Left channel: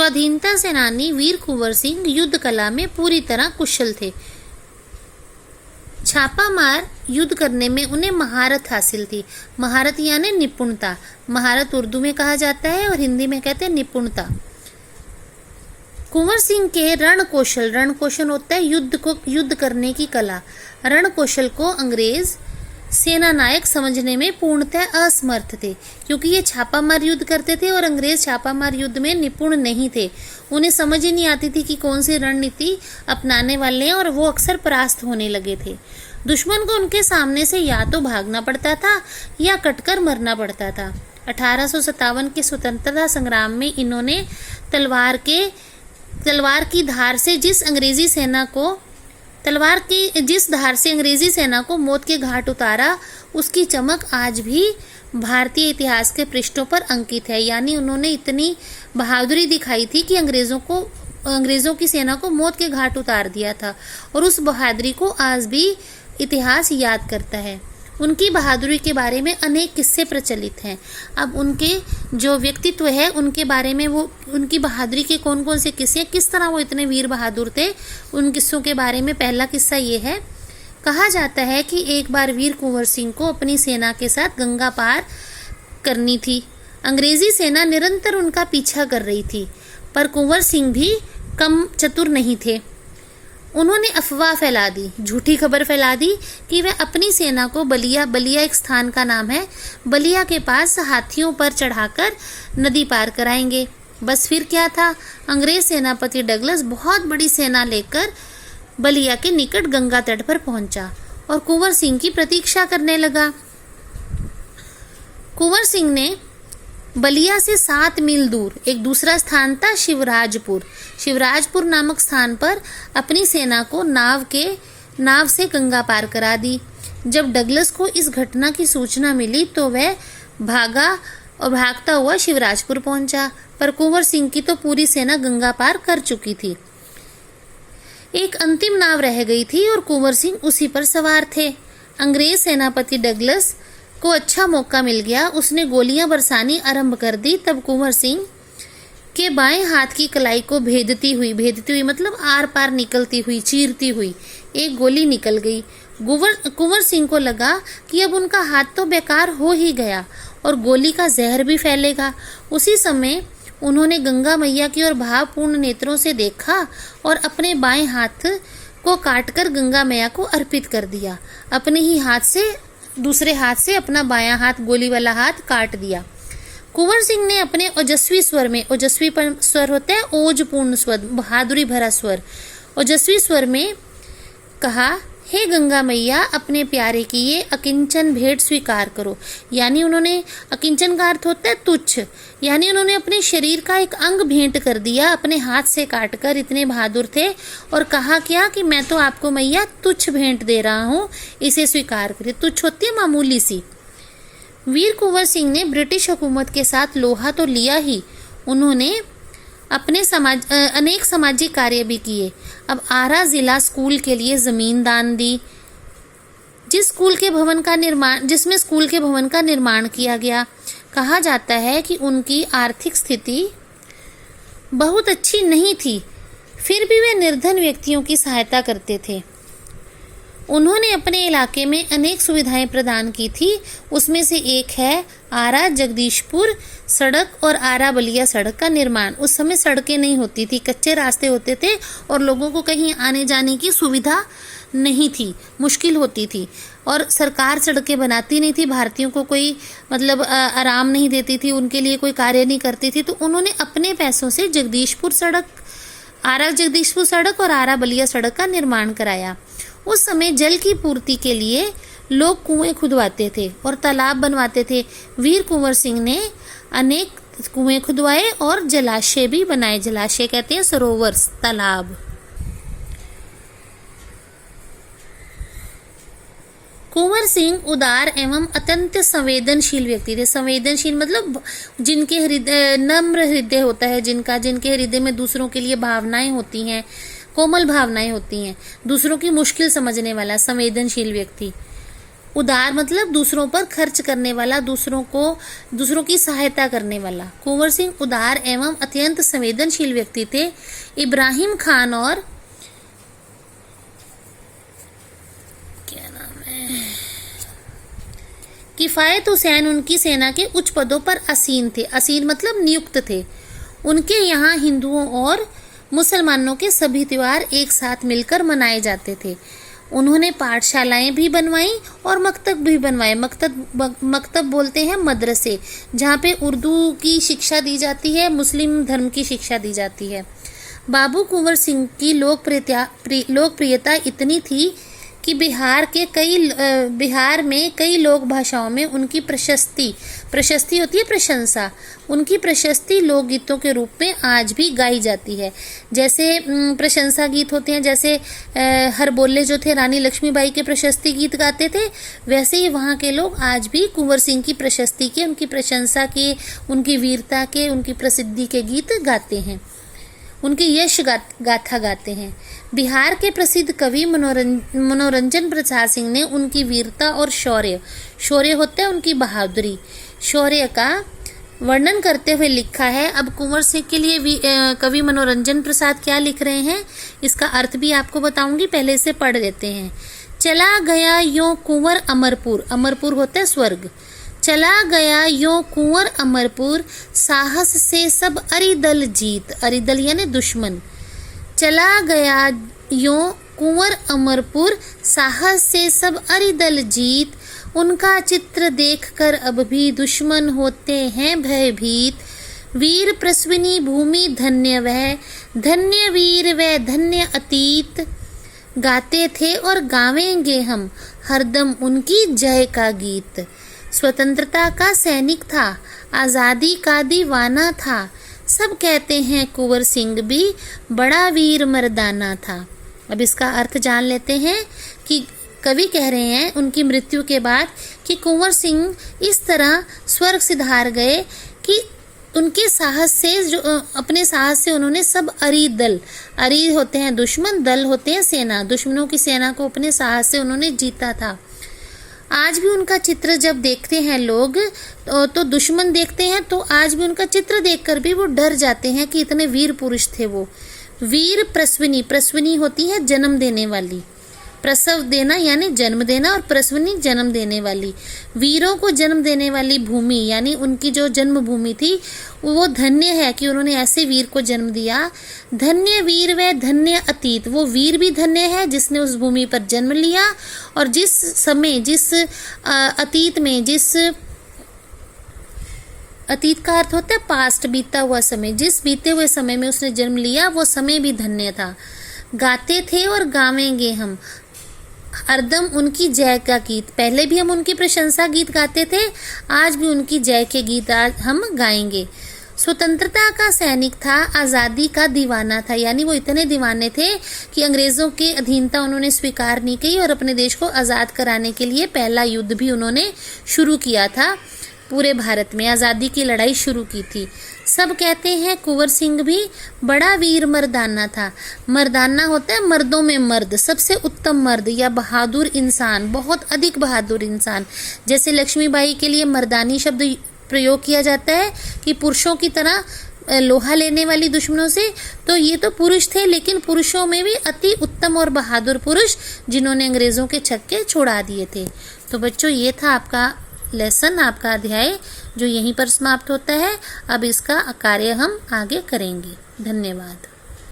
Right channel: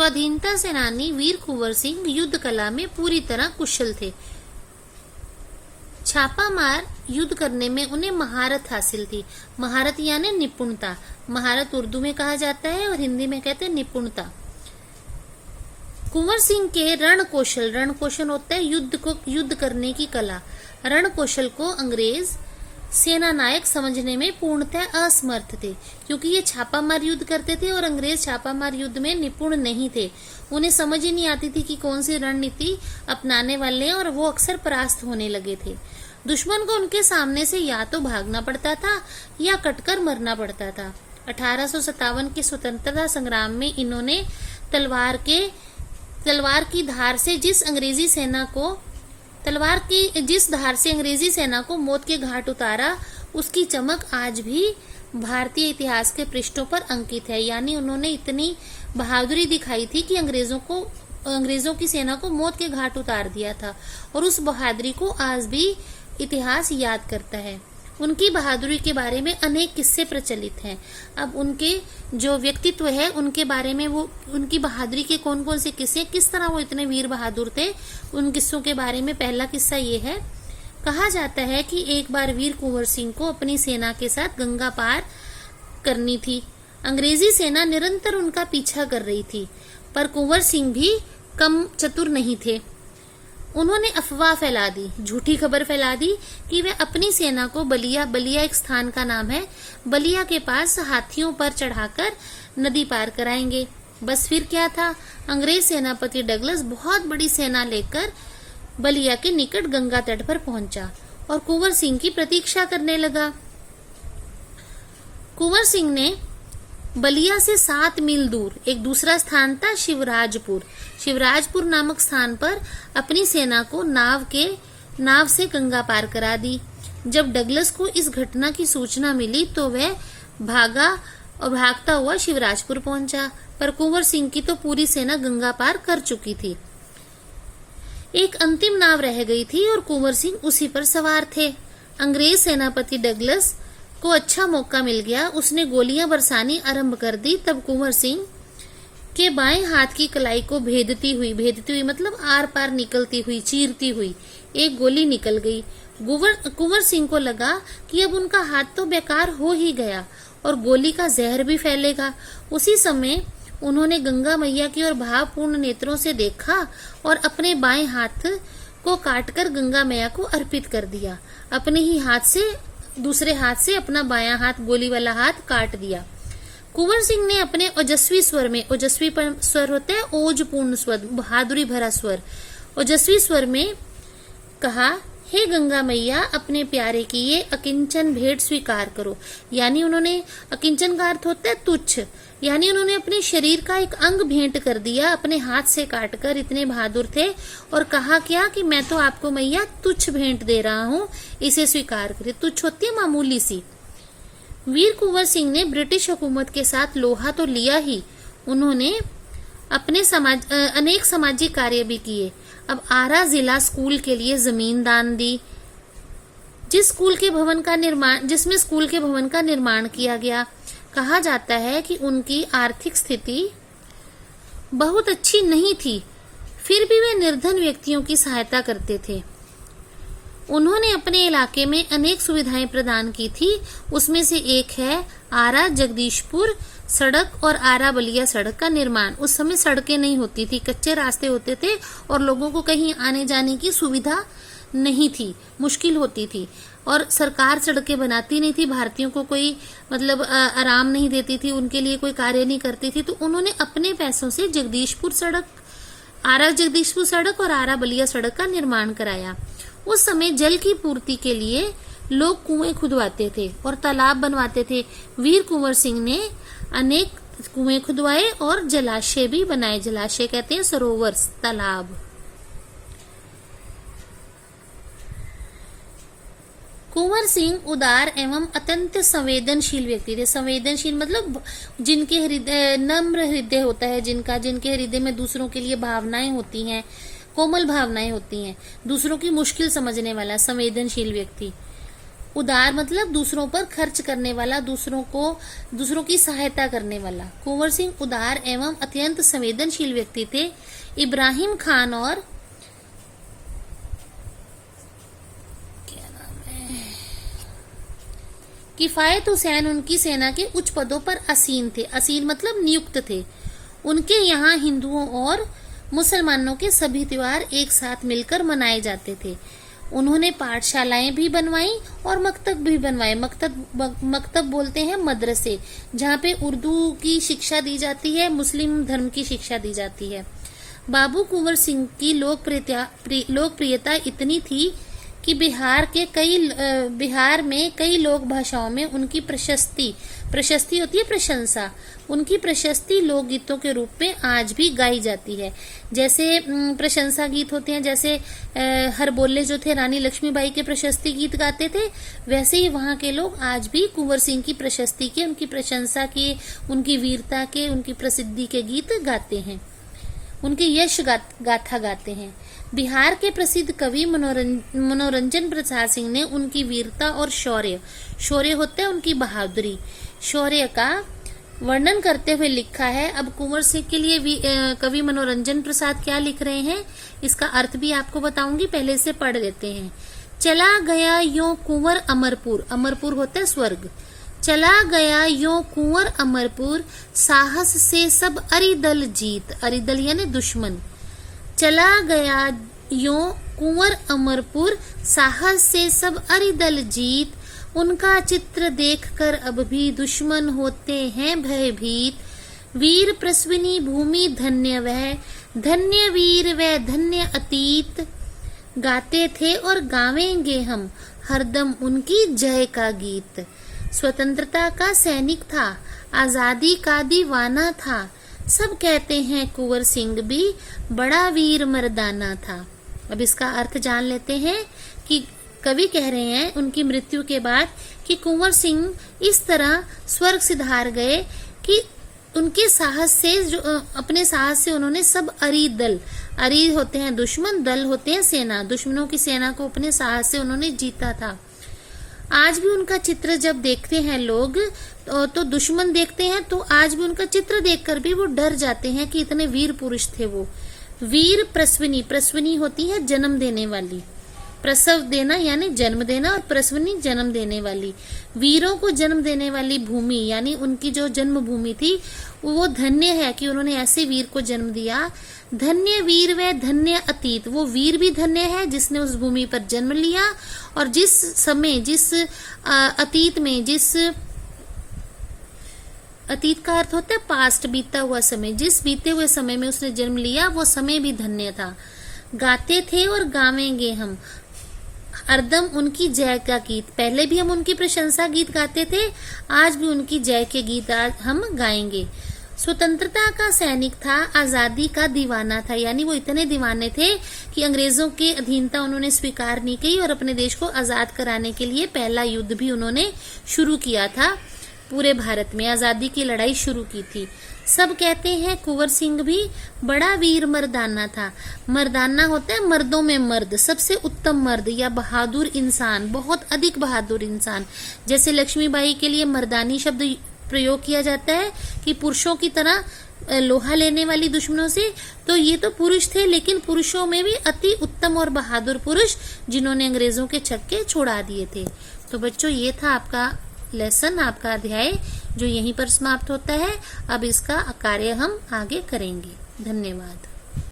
स्वाधीनता सेनानी वीर कुंवर सिंह युद्ध कला में पूरी तरह कुशल थे। छापामार युद्ध करने में उन्हें महारत हासिल थी। महारत यानी निपुणता। महारत उर्दू में कहा जाता है और हिंदी में कहते हैं निपुणता। कुंवर सिंह के रण कौशल होता है युद्ध करने की कला। रण कौशल को अंग्रेज सेना नायक समझने में पूर्णतः असमर्थ थे, क्योंकि ये छापामार युद्ध करते थे और अंग्रेज छापामार युद्ध में निपुण नहीं थे। उन्हें समझ ही नहीं आती थी कि कौन सी रणनीति अपनाने वाले हैं, और वो अक्सर परास्त होने लगे थे। दुश्मन को उनके सामने से या तो भागना पड़ता था या कटकर मरना पड़ता था। 1857 के स्वतंत्रता संग्राम में इन्होंने तलवार की धार से जिस अंग्रेजी सेना को मौत के घाट उतारा, उसकी चमक आज भी भारतीय इतिहास के पृष्ठों पर अंकित है। यानी उन्होंने इतनी बहादुरी दिखाई थी कि अंग्रेजों की सेना को मौत के घाट उतार दिया था, और उस बहादुरी को आज भी इतिहास याद करता है। उनकी बहादुरी के बारे में अनेक किस्से प्रचलित हैं। अब उनके जो व्यक्तित्व है उनके बारे में, वो उनकी बहादुरी के कौन कौन से किस्से, किस तरह वो इतने वीर बहादुर थे, उन किस्सों के बारे में पहला किस्सा ये है। कहा जाता है कि एक बार वीर कुंवर सिंह को अपनी सेना के साथ गंगा पार करनी थी। अंग्रेजी सेना निरंतर उनका पीछा कर रही थी, पर कुंवर सिंह भी कम चतुर नहीं थे। उन्होंने अफवाह फैला दी, झूठी खबर फैला दी कि वे अपनी सेना को बलिया एक स्थान का नाम है, बलिया के पास हाथियों पर चढ़ाकर नदी पार कराएंगे। बस फिर क्या था, अंग्रेज सेनापति डगलस बहुत बड़ी सेना लेकर बलिया के निकट गंगा तट पर पहुंचा और कुंवर सिंह की प्रतीक्षा करने लगा। कुंवर सिंह ने बलिया से 7 मील दूर एक दूसरा स्थान था शिवराजपुर नामक स्थान पर अपनी सेना को नाव से गंगा पार करा दी। जब डगलस को इस घटना की सूचना मिली तो वह भागता हुआ शिवराजपुर पहुंचा, पर कुंवर सिंह की तो पूरी सेना गंगा पार कर चुकी थी। एक अंतिम नाव रह गई थी और कुंवर सिंह उसी पर सवार थे। अंग्रेज सेनापति डगलस को अच्छा मौका मिल गया, उसने गोलियां बरसानी आरंभ कर दी। तब कुंवर सिंह के बाएं हाथ की कलाई को भेदती हुई मतलब आर पार निकलती हुई, चीरती हुई एक गोली निकल गई। कुंवर सिंह को लगा कि अब उनका हाथ तो बेकार हो ही गया और गोली का जहर भी फैलेगा। उसी समय उन्होंने गंगा मैया की ओर भावपूर्ण नेत्रों से देखा और अपने बाएं हाथ को काटकर गंगा मैया को अर्पित कर दिया। अपने ही दूसरे हाथ से अपना बायां हाथ, गोली वाला हाथ काट दिया। कुंवर सिंह ने अपने ओजस्वी स्वर होते हैं ओजपूर्ण स्वर, बहादुरी भरा स्वर, ओजस्वी स्वर में कहा, हे गंगा मैया, अपने प्यारे की ये अकिंचन भेंट स्वीकार करो। यानी उन्होंने, अकिंचन का अर्थ होता है तुच्छ, यानी उन्होंने अपने शरीर का एक अंग भेंट कर दिया, अपने हाथ से काटकर। इतने बहादुर थे और कहा क्या कि मैं तो आपको मैया तुच्छ भेंट दे रहा हूँ, इसे स्वीकार करिए। तुच्छ होती है मामूली सी। वीर कुंवर सिंह ने ब्रिटिश हुकूमत के साथ लोहा तो लिया ही, उन्होंने अपने अनेक सामाजिक कार्य भी किए। अब आरा जिला स्कूल के लिए जमीन दान दी, जिसमें स्कूल के भवन का निर्माण किया गया। कहा जाता है कि उनकी आर्थिक स्थिति बहुत अच्छी नहीं थी, फिर भी वे निर्धन व्यक्तियों की सहायता करते थे। उन्होंने अपने इलाके में अनेक सुविधाएं प्रदान की थी, उसमें से एक है आरा जगदीशपुर सड़क और आरा बलिया सड़क का निर्माण। उस समय सड़कें नहीं होती थी, कच्चे रास्ते होते थे और लोगों को कहीं आने जाने की सुविधा नहीं थी, मुश्किल होती थी, और सरकार सड़कें बनाती नहीं थी, भारतीयों को कोई मतलब आराम नहीं देती थी, उनके लिए कोई कार्य नहीं करती थी। तो उन्होंने अपने पैसों से आरा जगदीशपुर सड़क और आरा बलिया सड़क का निर्माण कराया। उस समय जल की पूर्ति के लिए लोग कुएं खुदवाते थे और तालाब बनवाते थे। वीर कुंवर सिंह ने अनेक कुएं खुदवाए और जलाशय भी बनाए। जलाशय कहते हैं सरोवर, तालाब। कुंवर सिंह उदार एवं अत्यंत संवेदनशील व्यक्ति थे। संवेदनशील मतलब जिनके हृदय नम्र हृदय होता है, जिनके हृदय में दूसरों के लिए भावनाएं होती हैं, कोमल भावनाएं होती हैं, दूसरों की मुश्किल समझने वाला संवेदनशील व्यक्ति। उदार मतलब दूसरों पर खर्च करने वाला, दूसरों की सहायता करने वाला। कुंवर सिंह उदार एवं अत्यंत संवेदनशील व्यक्ति थे। इब्राहिम खान और क्या नाम है, किफायत हुसैन उनकी सेना के उच्च पदों पर आसीन थे। आसीन मतलब नियुक्त थे। उनके यहाँ हिंदुओं और मुसलमानों के सभी त्योहार एक साथ मिलकर मनाए जाते थे। उन्होंने पाठशालाएं भी बनवाई और मकतब भी बनवाए। मकतब बोलते हैं मदरसे, जहाँ पे उर्दू की शिक्षा दी जाती है, मुस्लिम धर्म की शिक्षा दी जाती है। बाबू कुंवर सिंह की लोकप्रियता इतनी थी कि बिहार में कई लोक भाषाओं में उनकी प्रशस्ति होती है प्रशंसा, उनकी प्रशस्ति लोकगीतों के रूप में आज भी गाई जाती है। जैसे प्रशंसा गीत होते हैं, जैसे हर बोले जो थे रानी लक्ष्मीबाई के प्रशस्ति गीत गाते थे, वैसे ही वहाँ के लोग आज भी कुंवर सिंह की प्रशस्ति के, उनकी प्रशंसा के, उनकी वीरता के, उनकी प्रसिद्धि के गीत गाते हैं, उनकी यश गाथा गाते हैं। बिहार के प्रसिद्ध कवि मनोरंजन प्रसाद सिंह ने उनकी वीरता और शौर्य होता है उनकी बहादुरी, शौर्य का वर्णन करते हुए लिखा है। अब कुंवर सिंह के लिए कवि मनोरंजन प्रसाद क्या लिख रहे हैं, इसका अर्थ भी आपको बताऊंगी, पहले इसे पढ़ लेते हैं। चला गया यों कुंवर अमरपुर, अमरपुर होता है स्वर्ग। चला गया यों कुंवर अमरपुर, साहस से सब अरिदल जीत, अरिदल यानी दुश्मन। चला गया यों कुंवर अमरपुर, साहस से सब अरिदल जीत। उनका चित्र देखकर अब भी दुश्मन होते हैं भयभीत। वीर प्रसविनी भूमि धन्य वह, धन्य वीर वह धन्य अतीत। गाते थे और गावेंगे हम हरदम उनकी जय का गीत। स्वतंत्रता का सैनिक था, आजादी का दीवाना था। सब कहते हैं कुंवर सिंह भी बड़ा वीर मर्दाना था। अब इसका अर्थ जान लेते हैं कि कवि कह रहे हैं उनकी मृत्यु के बाद कि कुंवर सिंह इस तरह स्वर्ग सिधार गए कि उनके साहस से, जो अपने साहस से उन्होंने सब अरी होते हैं दुश्मन, दल होते हैं सेना, दुश्मनों की सेना को अपने साहस से उन्होंने जीता था। आज भी उनका चित्र जब देखते हैं लोग तो दुश्मन देखते हैं तो आज भी उनका चित्र देखकर भी वो डर जाते हैं कि इतने वीर पुरुष थे वो। वीर प्रसविनी, प्रसविनी होती है जन्म देने वाली, प्रसव देना यानी जन्म देना, और प्रसविनी जन्म देने वाली। वीरों को जन्म देने वाली भूमि यानी उनकी जो जन्म भूमि थी वो धन्य है कि उन्होंने ऐसे वीर को जन्म दिया। धन्य वीर व धन्य अतीत, वो वीर भी धन्य है जिसने उस भूमि पर जन्म लिया, और जिस समय, जिस अतीत में, जिस अतीत का अर्थ होता है पास्ट, बीता हुआ समय, जिस बीते हुए समय में उसने जन्म लिया वो समय भी धन्य था। गाते थे और गावेंगे हम हरदम उनकी जय का गीत, पहले भी हम उनकी प्रशंसा गीत गाते थे, आज भी उनकी जय के गीत आज हम गाएंगे। स्वतंत्रता का सैनिक था, आजादी का दीवाना था, यानी वो इतने दीवाने थे कि अंग्रेजों की अधीनता उन्होंने स्वीकार नहीं की और अपने देश को आजाद कराने के लिए पहला युद्ध भी उन्होंने शुरू किया था। पूरे भारत में आजादी की लड़ाई शुरू की थी। सब कहते हैं कुंवर सिंह भी बड़ा वीर मर्दाना था। मर्दाना होता है मर्दों में मर्द, सबसे उत्तम मर्द या बहादुर इंसान, बहुत अधिक बहादुर इंसान। जैसे लक्ष्मीबाई के लिए मर्दानी शब्द प्रयोग किया जाता है कि पुरुषों की तरह लोहा लेने वाली दुश्मनों से, तो ये तो पुरुष थे, लेकिन पुरुषों में भी अति उत्तम और बहादुर पुरुष जिन्होंने अंग्रेजों के छक्के छुड़ा दिए थे। तो बच्चों ये था आपका लेसन, आपका अध्याय जो यहीं पर समाप्त होता है। अब इसका कार्य हम आगे करेंगे। धन्यवाद।